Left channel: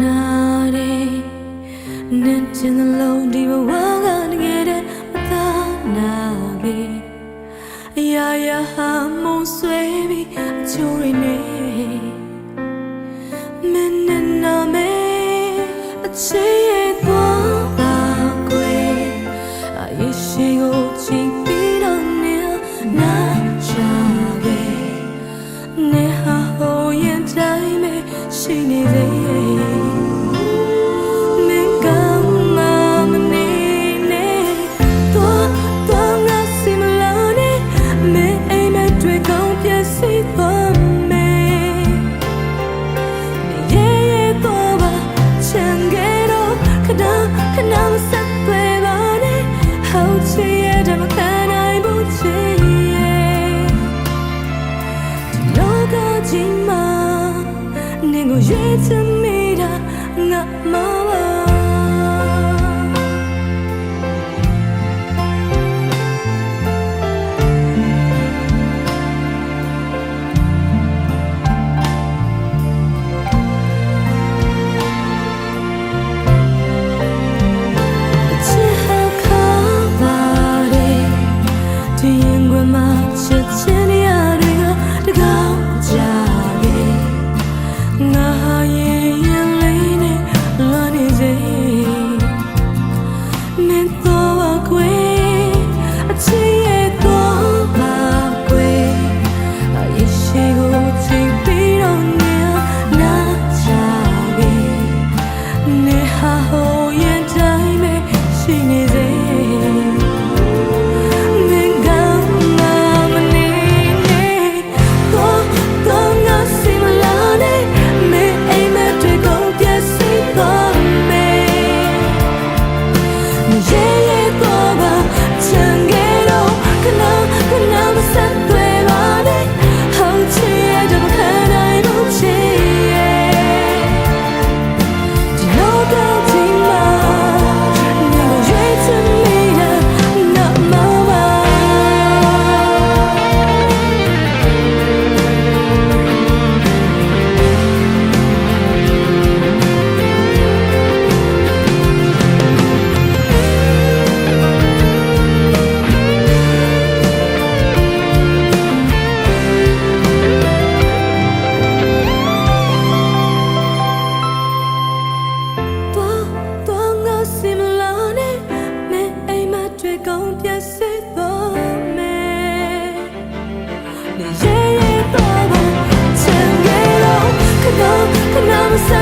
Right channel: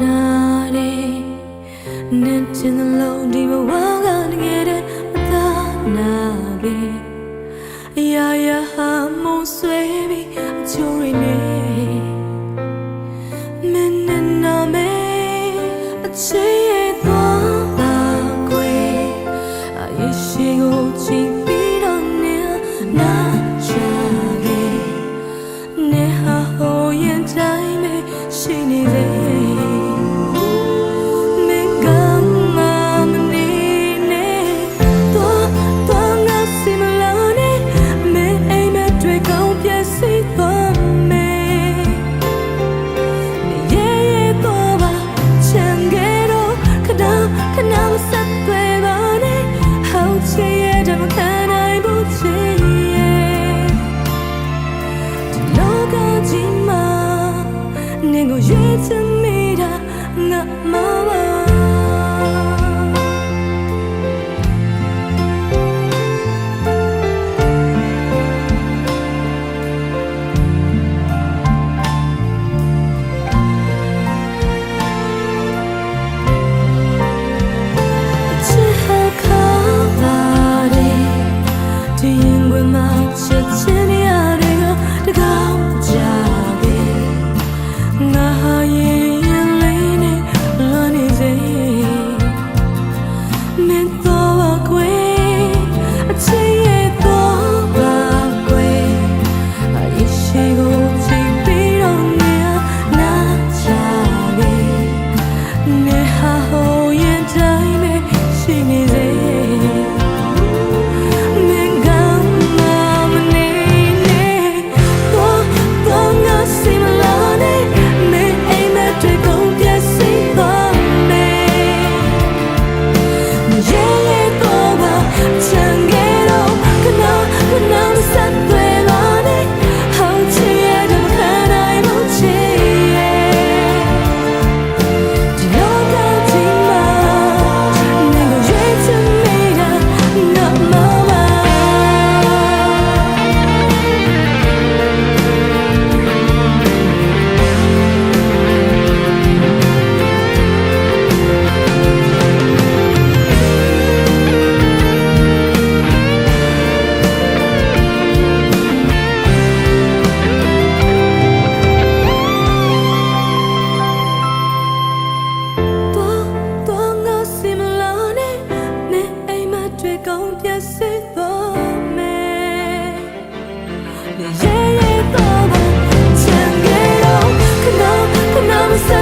နာတယ်နဲ့ချင်းလုံးဒီဘဝကတကယ်တည်းမသာနာပြီအရာရာဟာမုံဆွဲပြီးအချိုးရင်းနေမင်းနဲ့နာမဲအချေးရဲ့သွားလာကွယ်အရေးရှိကိုချီပြီးတော့နေနာချခဲ့နေဟာဟိုရင်တိုင်းပဲရှိနေသေး ချင်ရဲ့တမခံနိုင်ဘူးချင်ရဲ့ဒီလောကကြီးမှာနင်ကိုရွေးချယ် တော့ပါကွယ်အချစ် နေရဲ့ရဲ့တော့ပါချန်ခဲ့တော့ခဏခဏမဆက်